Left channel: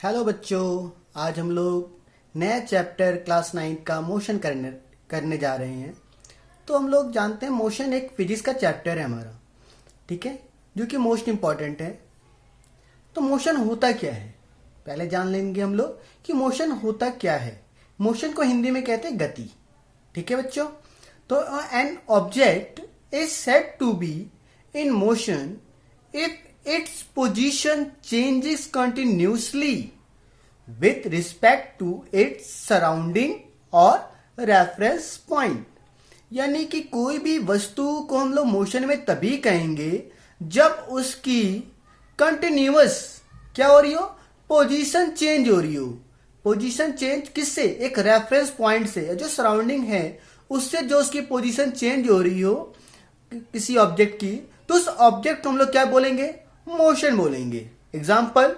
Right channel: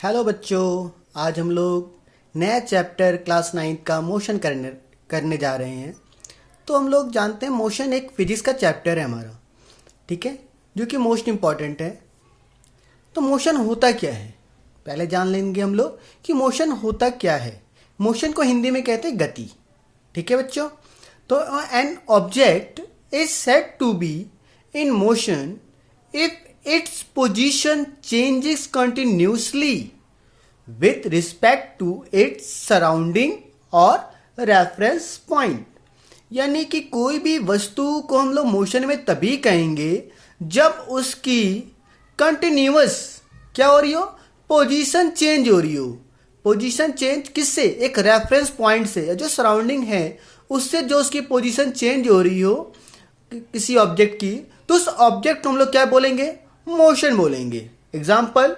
Hello बच्चों, आज हम लोग नया चैप्टर क्लास 9 का मोशन करने जा रहे हैं। तो हम लोग जानते हैं मोशन एक फिजिक्स का चैप्टर है हमारा, ठीक है, जो कि मोस्ट इम्पॉर्टेंट है। तो मोशन होता क्या है, पहले जान लेंगे हम लोग कि मोशन होता क्या है। मोशन को हिंदी में कहते हैं गति, ठीक है बच्चों। तो an object is said to be in motion if its position changes continuously with respect to its surrounding और reference point। यानी कि कोई भी वस्तु को हम लोग मोशन में तभी कहेंगे जब उसकी कंटिन्यूअस क्या हो रही हो, पोजीशन चेंज हो रही हो। पोजीशन चेंज किससे? एक रेफरेंस पॉइंट से, या जो सराउंडिंग है उससे जो उसकी पोजीशन चेंज हो रही हो किसी ऑब्जेक्ट की, तो उस ऑब्जेक्ट को हम लोग क्या बोलेंगे? मोशन बोलेंगे। Example,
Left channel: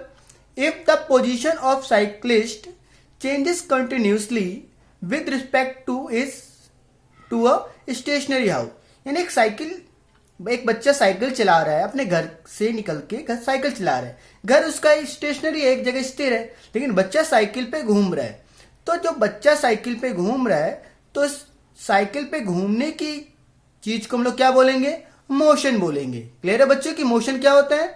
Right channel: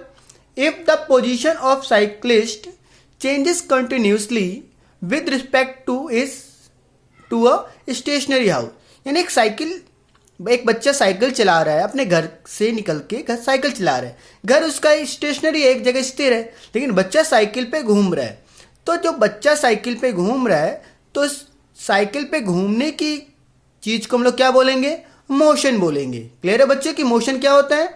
if the position of cyclist changes continuously with respect to a stationary house. यानी एक बच्चा साइकिल चला रहा है, अपने घर से निकल के घर साइकिल चला रहा है। घर उसका स्टेशनरी एक जगह स्थिर है, लेकिन बच्चा साइकिल पे घूम रहा है। तो जो बच्चा साइकिल पे घूम रहा है, तो साइकिल पे घूमने की चीज को हम लोग क्या बोलेंगे? मोशन बोलेंगे। क्लियर है बच्चे कि मोशन क्या होता है?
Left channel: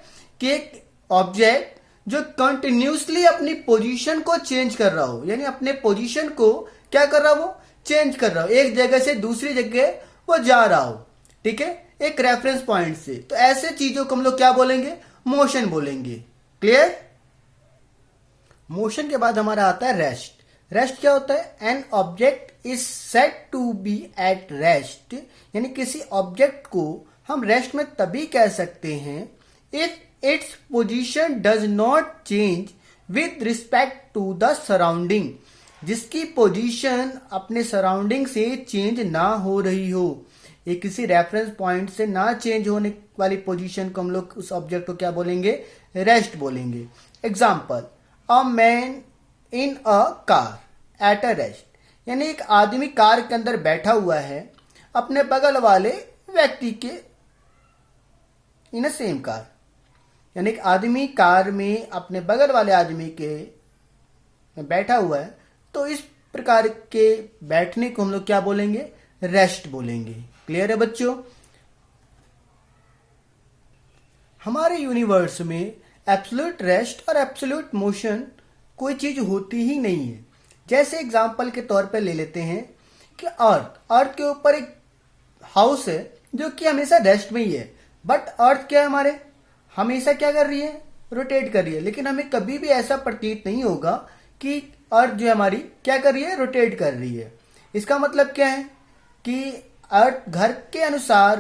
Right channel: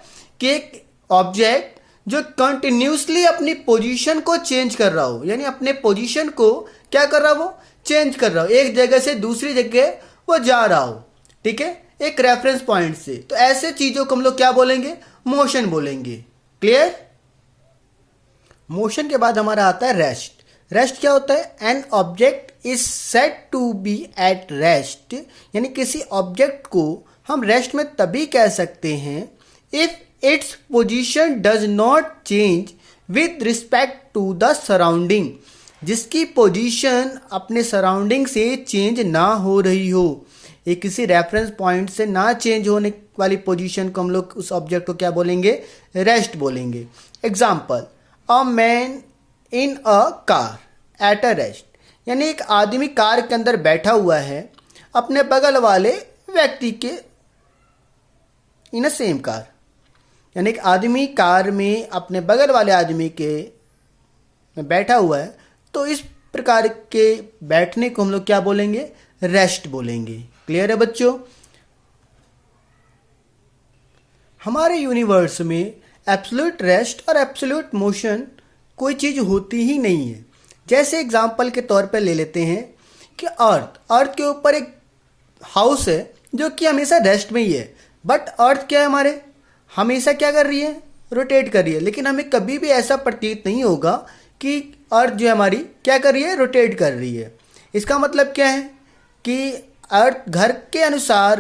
कि एक ऑब्जेक्ट जो कंटिन्यूसली अपनी पोजीशन को चेंज कर रहा हो, यानी अपने पोजीशन को क्या कर रहा हो? चेंज कर रहा हो, एक जगह से दूसरी जगह वो जा रहा हो, ठीक है, एक रेफरेंस पॉइंट से। तो ऐसे चीजों को हम लोग क्या बोलेंगे? मोशन बोलेंगे। क्लियर? मोशन के बाद हमारा आता है रेस्ट। रेस्ट क्या होता है? An object is said to be at rest. यानी किसी ऑब्जेक्ट को हम रेस्ट में तभी कह सकते हैं if its position does not change with respect to the surrounding. जिसकी पोजीशन अपने सराउंडिंग से चेंज ना हो रही हो, ये किसी रेफरेंस पॉइंट से ना चेंज होने वाली पोजीशन को हम लोग उस ऑब्जेक्ट को क्या बोलेंगे? रेस्ट बोलेंगे। Example, a man in a car at a rest. यानी एक आदमी कार के अंदर बैठा हुआ है अपने बगल वाले व्यक्ति के इन अ सेम कार। यानी एक आदमी कार में अपने बगल वाले आदमी के में बैठा हुआ है, तो इस प्रकार के बैठने को हम लोग क्या बोलेंगे? रेस्ट बोलेंगे। क्लियर है बच्चों? हमारे यूनिवर्स में एब्सोल्यूट रेस्ट और एब्सोल्यूट मोशन कोई चीज होती ही नहीं है। जैसे एग्जाम्पल के तौर पर ले लेते हैं कि अर्थ के ऊपर एक हाउस है जो कि हमेशा रेस्ट में ही है। बट अर्थ क्या है, हमारे हमेशा क्या कर रही है? रोटेट कर रही है। लेकिन हमें कभी भी ऐसा प्रतीत नहीं होगा कि अर्थ जो है हमारी क्या कर रही है? रोटेट कर रही है। इसका मतलब क्या है कि अर्थ घर के अनुसार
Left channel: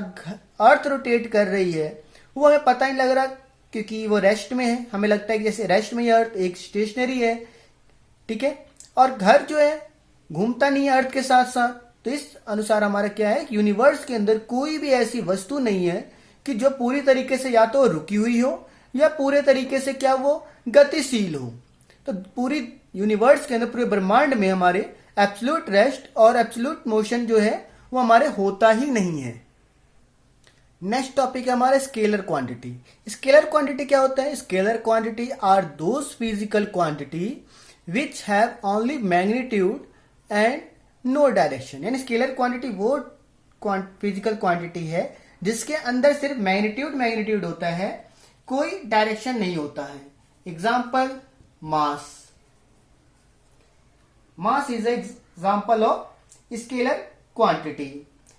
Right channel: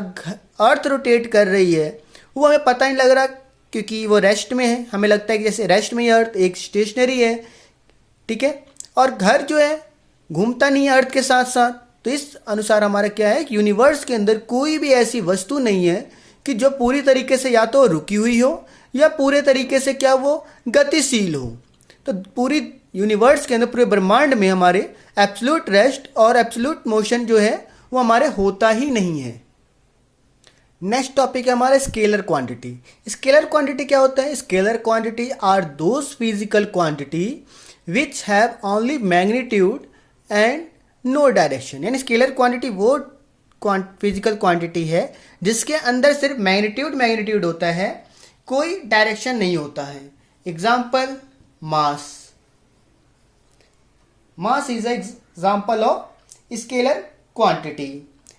अर्थ रोटेट कर रही है, वो हमें पता नहीं लग रहा क्योंकि वो रेस्ट में है। हमें लगता है कि जैसे रेस्ट में ही अर्थ एक स्टेशनरी है, ठीक है, और घर जो है घूमता नहीं है अर्थ के साथ साथ। तो इस अनुसार हमारा क्या है कि यूनिवर्स के अंदर कोई भी ऐसी वस्तु नहीं है कि जो पूरी तरीके से या तो रुकी हुई हो या पूरे तरीके से क्या वो गतिशील हो। तो पूरी यूनिवर्स के अंदर, पूरे ब्रह्मांड में हमारे एब्सोल्यूट रेस्ट और एब्सोल्यूट मोशन जो है वो हमारे होता ही नहीं है। नेक्स्ट टॉपिक है हमारा स्केलर क्वांटिटी। स्केलर क्वांटिटी क्या होता है? Scalar quantity are those physical quantity which have only magnitude and no direction. यानी स्केलर क्वांटिटी वो फिजिकल क्वांटिटी है जिसके अंदर सिर्फ मैग्नीट्यूड होता है, कोई डायरेक्शन नहीं होता है। Example, mass. Mass is example of scalar quantity.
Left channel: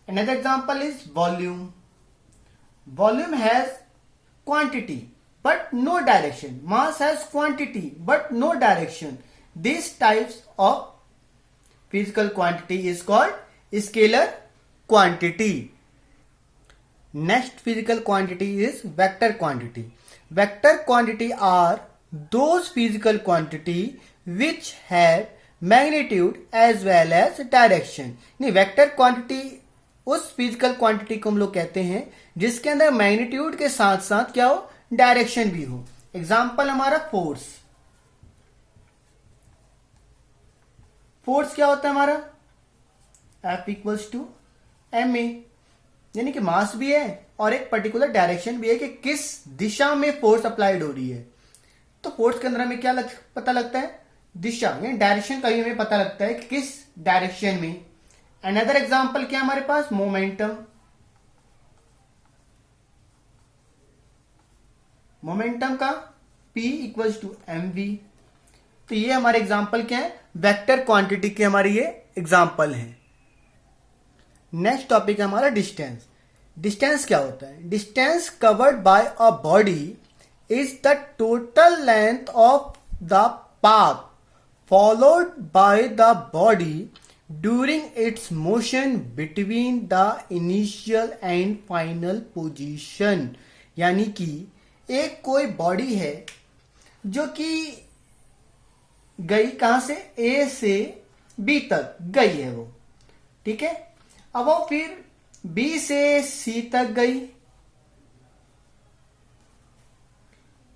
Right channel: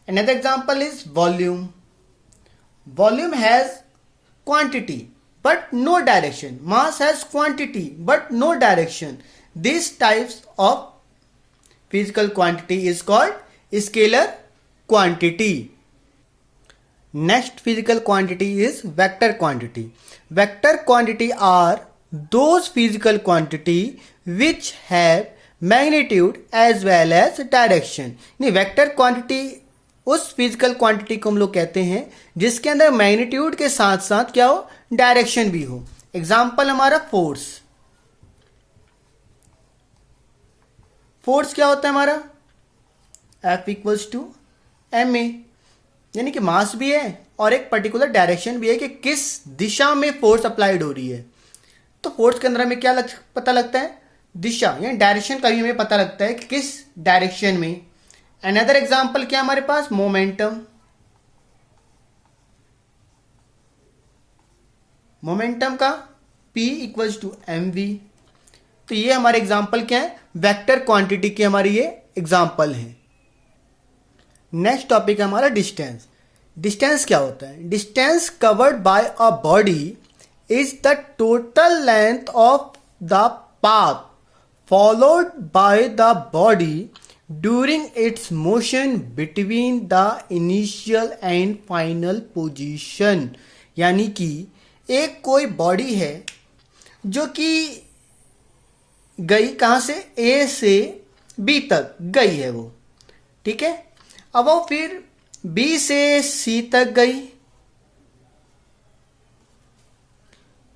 Another example is volume. Volume has quantity but no direction. Mass has quantity but no direction. These types of physical quantity is called scalar quantity. Next physical quantity is vector quantity. Vector quantity are those physical quantity which have magnitude as well as direction. नहीं, vector quantity उस physical quantity को हम लोग कहते हैं जिसके अंदर magnitude के साथ साथ क्या हो? डायरेक्शन भी हो। एग्जाम्पल हमारा फोर्स। फोर्स क्या होता है हमारा? F equals to ma। यानी कि मास भी है और एक पर्टिकुलर डायरेक्शन भी है कि किस दिशा में फोर्स अप्लाइड हो रही है। तो फोर्स के अंदर हमें क्या पता लगता है, दिशा यानी डायरेक्शन का भी हमें पता लगता है कि किस डायरेक्शन में। अनदर एग्जांपल क्या हमारे पास, मोमेंटम। मोमेंटम का P इक्वल्स टू mv। तो ये हमारे एग्जांपल क्या है, वेक्टर क्वांटिटी के हमारे ये एग्जांपल हैं। नेक्स्ट टॉपिक है हमारा डिस्टेंस। डिस्टेंस क्या होता है, distance covered by a body is the total length of the path followed by the body during its motion between the initial and final position. यानी कि एक कोई बॉडी है जो कि गई कहां से, ए से बी तक गई है वो, ठीक है। अब वो फिर बी से सी तक गई,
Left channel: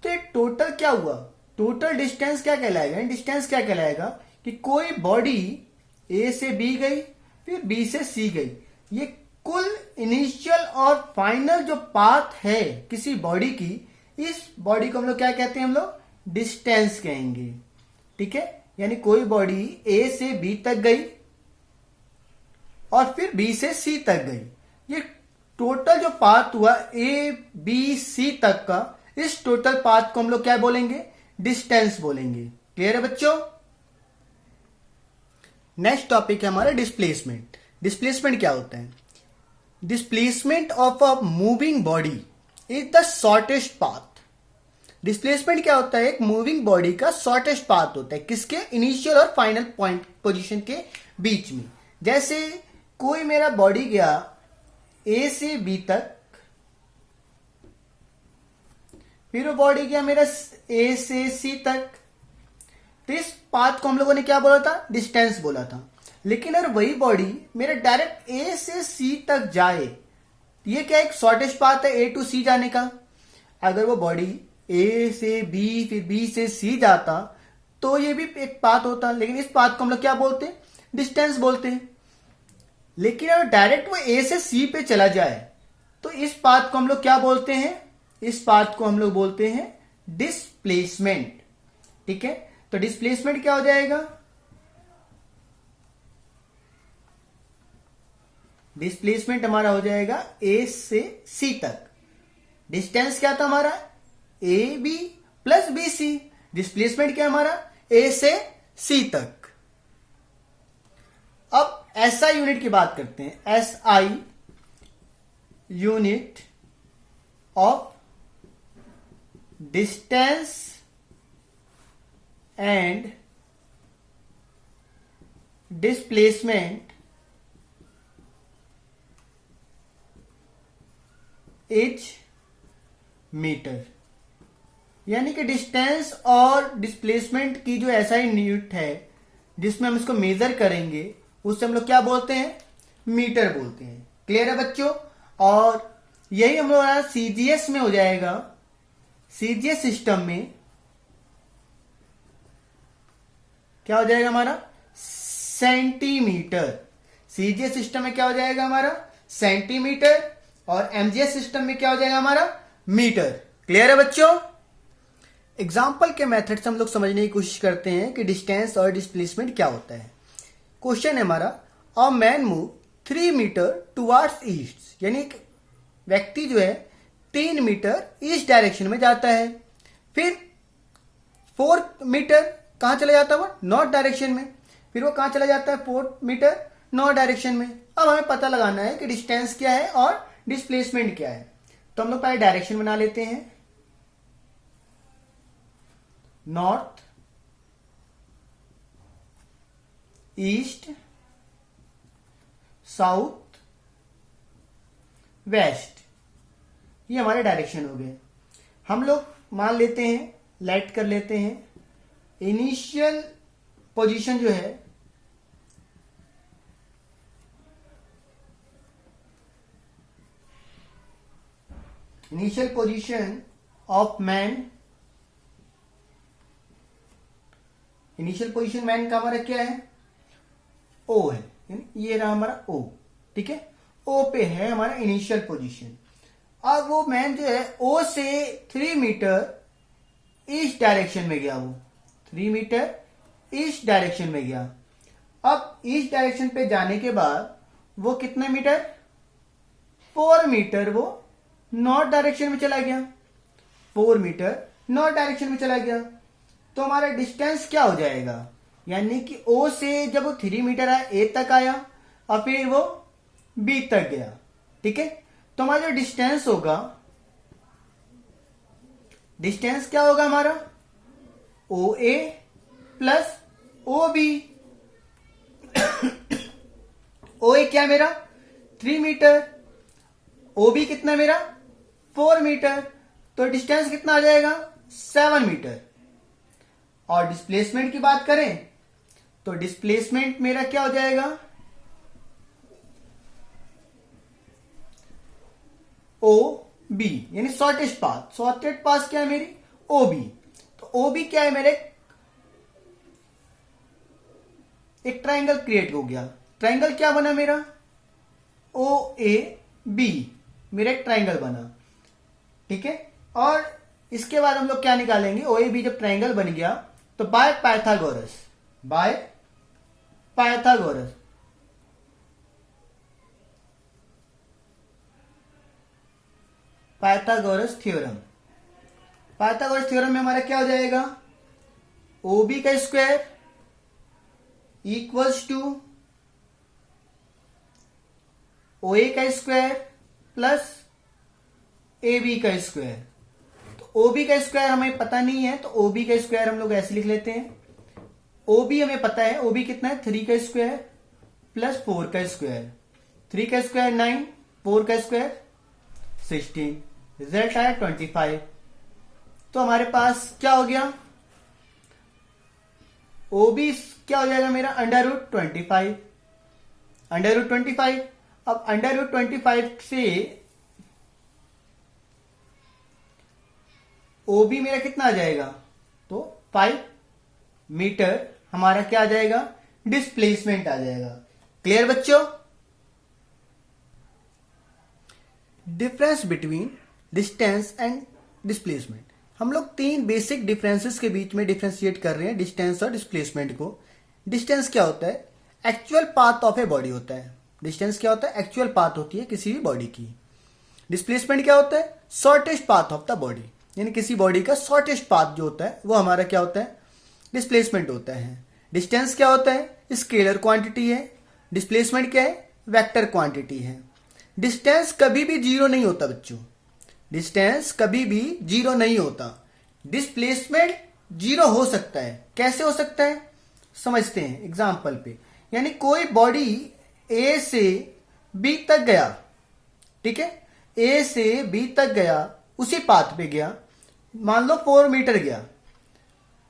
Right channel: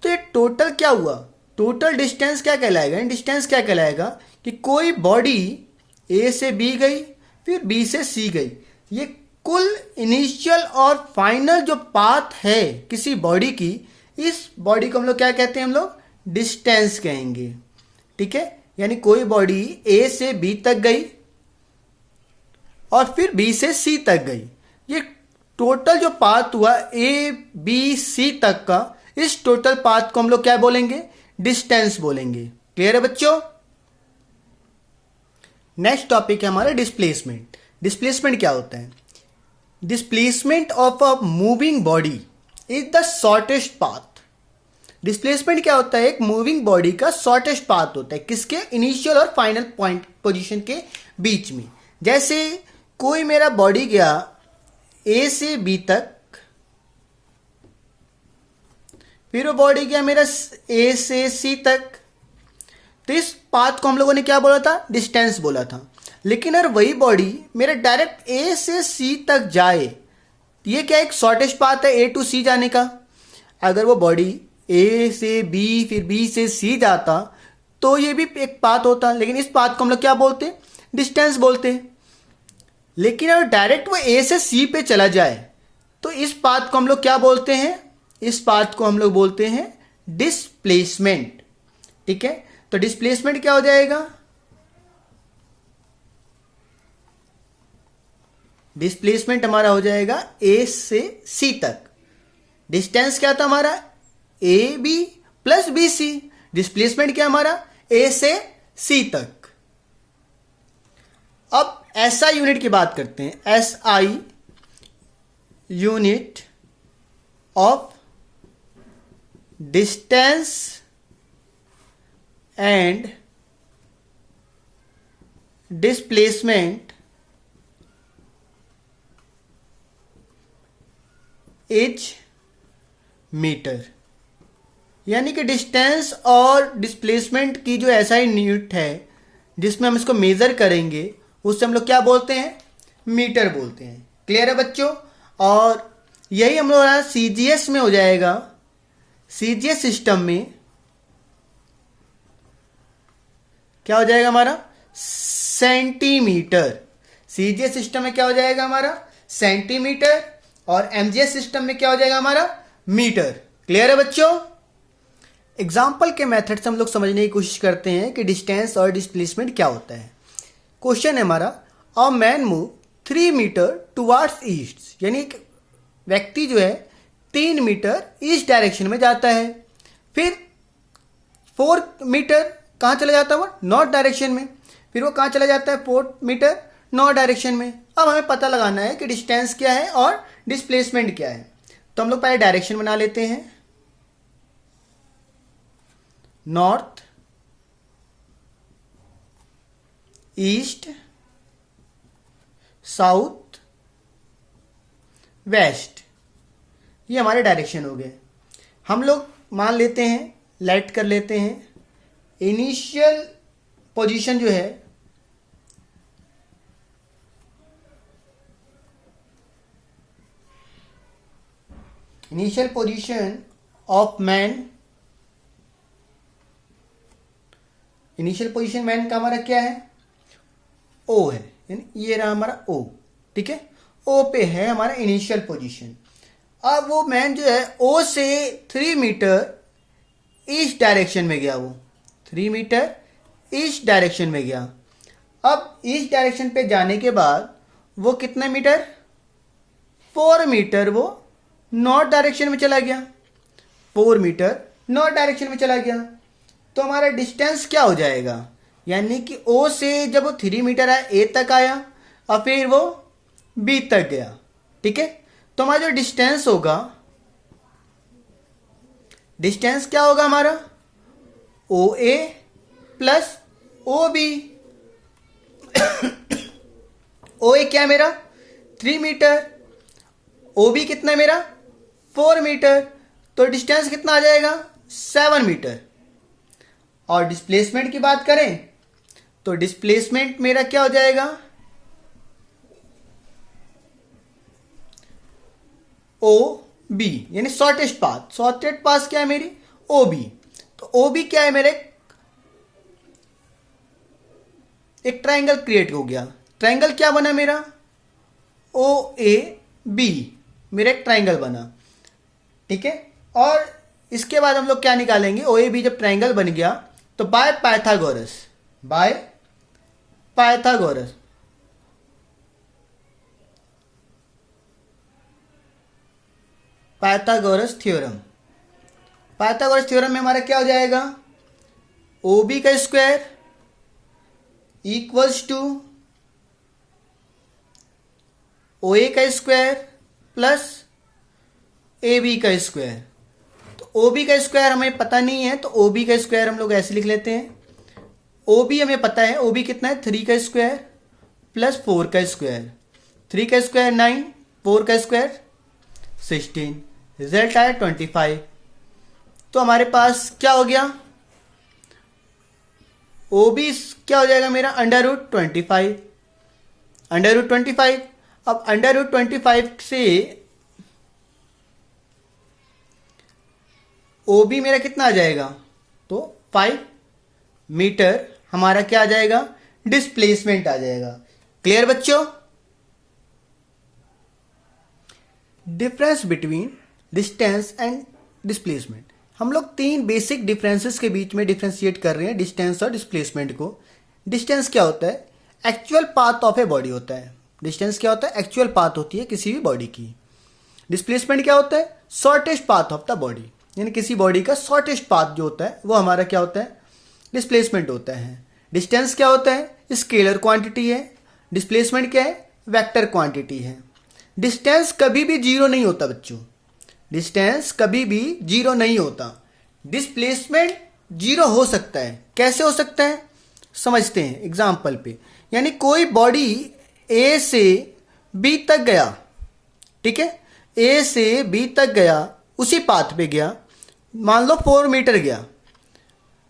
तो ये टोटल क्या हुआ, टोटल डिस्टेंस क्या कहलाएगा, डिस्टेंस क्या कहलाएगा कि कोई बॉडी ए से बी गई फिर बी से सी गई, ये कुल इनिशियल और फाइनल जो पाथ है किसी बॉडी की, इस बॉडी को हम लोग क्या कहते हैं, हम लोग डिस्टेंस कहेंगे, ठीक है। यानी कोई बॉडी ए से बी तक गई और फिर बी से सी तक गई, ये टोटल जो पाथ हुआ ए बी सी तक का, इस टोटल पाथ को हम लोग क्या बोलेंगे, डिस्टेंस बोलेंगे। क्लियर है बच्चों। नेक्स्ट टॉपिक है हमारा डिस्प्लेसमेंट। डिस्प्लेसमेंट क्या होता है, displacement of a moving body is the shortest path. Displacement क्या होता है, एक मूविंग बॉडी का शॉर्टेस्ट पाथ होता है, किसके, इनिशियल और फाइनल पॉइंट पोजीशन के बीच में। जैसे कोई मेरा बॉडी गया ए से बी तक, फिर वो बॉडी गया मेरा ए से सी तक, तो इस पाथ को हम लोगों ने क्या बोला था, डिस्टेंस बोला था। लेकिन अगर वही बॉडी मेरा डायरेक्ट ए से सी तक जाए, ये क्या एक शॉर्टेस्ट पाथ है ए टू सी जाने का। अगर वो बॉडी ए से बी फिर बी से सी जाता तो ये भी एक पाथ होता, लेकिन इस पाथ को हम लोग क्या बोलते हैं, डिस्टेंस बोलते हैं। लेकिन अगर डायरेक्ट वो ए से सी पे चला जाए तो इस पाथ को हम लोग क्या बोलते हैं, इस पाथ को हम लोग बोलते हैं डिस्प्लेसमेंट, ठीक है। तो डिस्प्लेसमेंट क्या हो जाएगा, डिस्प्लेसमेंट हमारा हो जाएगा ए से सी तक। डिस्टेंस क्या था हमारा, A B plus B C. Displacement क्या हमारा, ए से सी तक। अब एसआई यूनिट की बात करते हैं। SI unit of distance and displacement is metre. यानी कि डिस्टेंस और डिस्प्लेसमेंट की जो एसआई यूनिट है जिसमें हम इसको मेजर करेंगे, उससे हम लोग क्या बोलते हैं, मीटर बोलते हैं। क्लियर है बच्चों। और यही हम लोग सीजीएस में हो जाएगा। सीजीएस सिस्टम में क्या हो जाएगा हमारा, सेंटीमीटर। सीजीएस सिस्टम में क्या हो जाएगा हमारा, सेंटीमीटर। और एमजीएस सिस्टम में क्या हो जाएगा हमारा, मीटर। क्लियर है बच्चों। एग्जाम्पल के मेथड से हम लोग समझने की कोशिश करते हैं कि डिस्टेंस और डिस्प्लेसमेंट क्या होता है। क्वेश्चन है हमारा, a man move 3 metre towards east. यानी एक व्यक्ति जो है 3 मीटर ईस्ट डायरेक्शन में जाता है, फिर 4 मीटर कहाँ चला जाता है, वो नॉर्थ डायरेक्शन में, फिर वो कहाँ चला जाता है, 4 मीटर नॉर्थ डायरेक्शन में। अब हमें पता लगाना है कि डिस्टेंस क्या है और डिस्प्लेसमेंट क्या है। तो हम लोग पहले डायरेक्शन बना लेते हैं, नॉर्थ, ईस्ट, साउथ, वेस्ट, ये हमारे डायरेक्शन हो गए। हम लोग मान लेते हैं, लाइट कर लेते हैं, इनिशियल पोजीशन जो है initial position of man, initial position man का हमारा क्या है, ओ है, यानी ये रहा हमारा ओ, ठीक है। ओ पे है हमारा इनिशियल पोजीशन। अब वो मैन जो है ओ से 3 मीटर ईस्ट डायरेक्शन में गया, वो 3 मीटर ईस्ट डायरेक्शन में गया। अब ईस्ट डायरेक्शन पे जाने के बाद वो कितने मीटर, 4 मीटर वो नॉर्थ डायरेक्शन में चला गया, 4 मीटर नॉर्थ डायरेक्शन में चला गया। तो हमारा डिस्टेंस क्या हो जाएगा, यानी कि ओ से जब वो 3 मीटर आया ए तक आया और फिर वो बी तक गया, ठीक है। तो हमारा जो डिस्टेंस होगा, डिस्टेंस क्या होगा हमारा, ओ ए प्लस ओ बी। ओ ए क्या है मेरा 3 मीटर, ओ बी कितना है मेरा 4 मीटर, तो डिस्टेंस कितना आ जाएगा 7 मीटर। और डिस्प्लेसमेंट की बात करें तो डिस्प्लेसमेंट मेरा क्या हो जाएगा, ओ बी, यानी शॉर्टेस्ट पाथ। शॉर्टेस्ट पाथ क्या है मेरी, ओ बी। तो ओ बी क्या है मेरे, एक ट्राइंगल क्रिएट हो गया। ट्राइंगल क्या बना मेरा, ओ ए बी, मेरा एक ट्राइंगल बना, ठीक है। और इसके बाद हम लोग क्या निकालेंगे, ओ ए बी जब ट्राइंगल बन गया तो by Pythagoras, by Pythagoras Pythagoras theorem, Pythagoras theorem में हमारा क्या हो जाएगा, ओ बी का स्क्वायर इक्वल्स टू ओ ए का स्क्वायर प्लस ए बी का स्क्वायर। तो ओ बी का स्क्वायर हमें पता नहीं है, तो ओ बी का स्क्वायर हम लोग ऐसे लिख लेते हैं। ओ बी हमें पता है, ओ बी कितना है 3 का स्क्वायर प्लस 4 का स्क्वायर, 3 का स्क्वायर 9, 4 का स्क्वायर 16, रिजल्ट आया 25। तो हमारे पास क्या हो गया, ओ बी क्या हो जाएगा मेरा √25, √25। अब √25 से ओ बी मेरा कितना आ जाएगा, तो 5 मीटर हमारा क्या आ जाएगा, डिस्प्लेसमेंट आ जाएगा। क्लियर बच्चों। Difference between distance and displacement, हम लोग 3 बेसिक डिफरेंसेस के बीच में डिफ्रेंशिएट कर रहे हैं डिस्टेंस और डिस्प्लेसमेंट को। डिस्टेंस क्या होता है, actual path of a body होता है। डिस्टेंस क्या होता है, एक्चुअल पाथ होती है किसी भी बॉडी की। डिस्प्लेसमेंट क्या होता है, shortest path of the body, यानी किसी बॉडी का शॉर्टेस्ट पाथ जो होता है वो हमारा क्या होता है, डिस्प्लेसमेंट होता है। डिस्टेंस क्या होता है, स्केलर क्वांटिटी है। डिस्प्लेसमेंट क्या है, वेक्टर क्वांटिटी है। डिस्टेंस कभी भी जीरो नहीं होता बच्चों, डिस्टेंस कभी भी जीरो नहीं होता। डिस्प्लेसमेंट जीरो हो सकता है। कैसे हो सकता है, समझते हैं एग्जाम्पल पे। यानी कोई बॉडी ए से बी तक गया, ठीक है, ए से बी तक गया, उसी पाथ पे गया, मान लो 4 मीटर गया।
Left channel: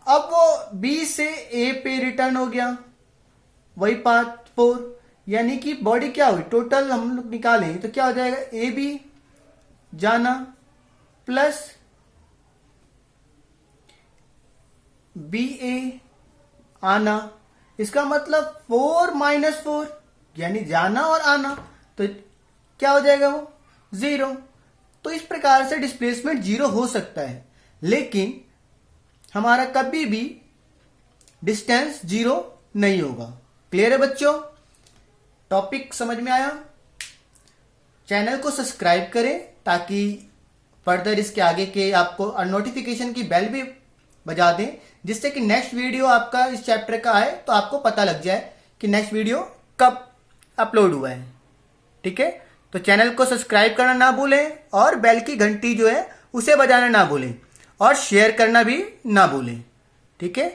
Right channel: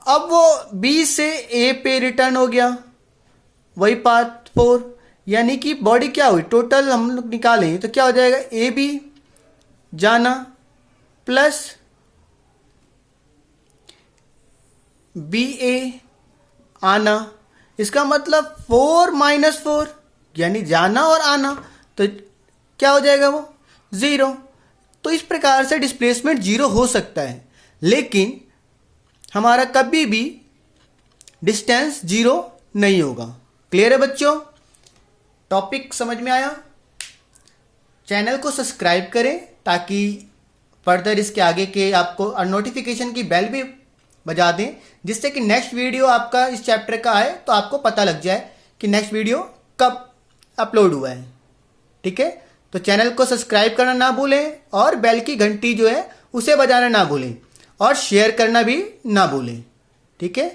अब वो बी से ए पे रिटर्न हो गया, वही पाथ 4, यानी कि बॉडी क्या हुई, टोटल हम लोग निकालें तो क्या हो जाएगा, ए बी जाना प्लस बी ए आना। इसका मतलब 4 - 4 यानी जाना और आना, तो क्या हो जाएगा वो 0। तो इस प्रकार से डिस्प्लेसमेंट 0 हो सकता है, लेकिन हमारा कभी भी डिस्टेंस 0 नहीं होगा। क्लियर है बच्चों, टॉपिक समझ में आया। चैनल को सब्सक्राइब करें ताकि फर्दर इसके आगे के आपको और नोटिफिकेशन की बेल भी बजा दें, जिससे कि नेक्स्ट वीडियो आपका इस चैप्टर का आए तो आपको पता लग जाए कि नेक्स्ट वीडियो कब अपलोड हुआ है। ठीक है, तो चैनल को सब्सक्राइब करना ना भूलें और बेल की घंटी जो है उसे बजाना ना भूलें और शेयर करना भी ना भूलें। ठीक है।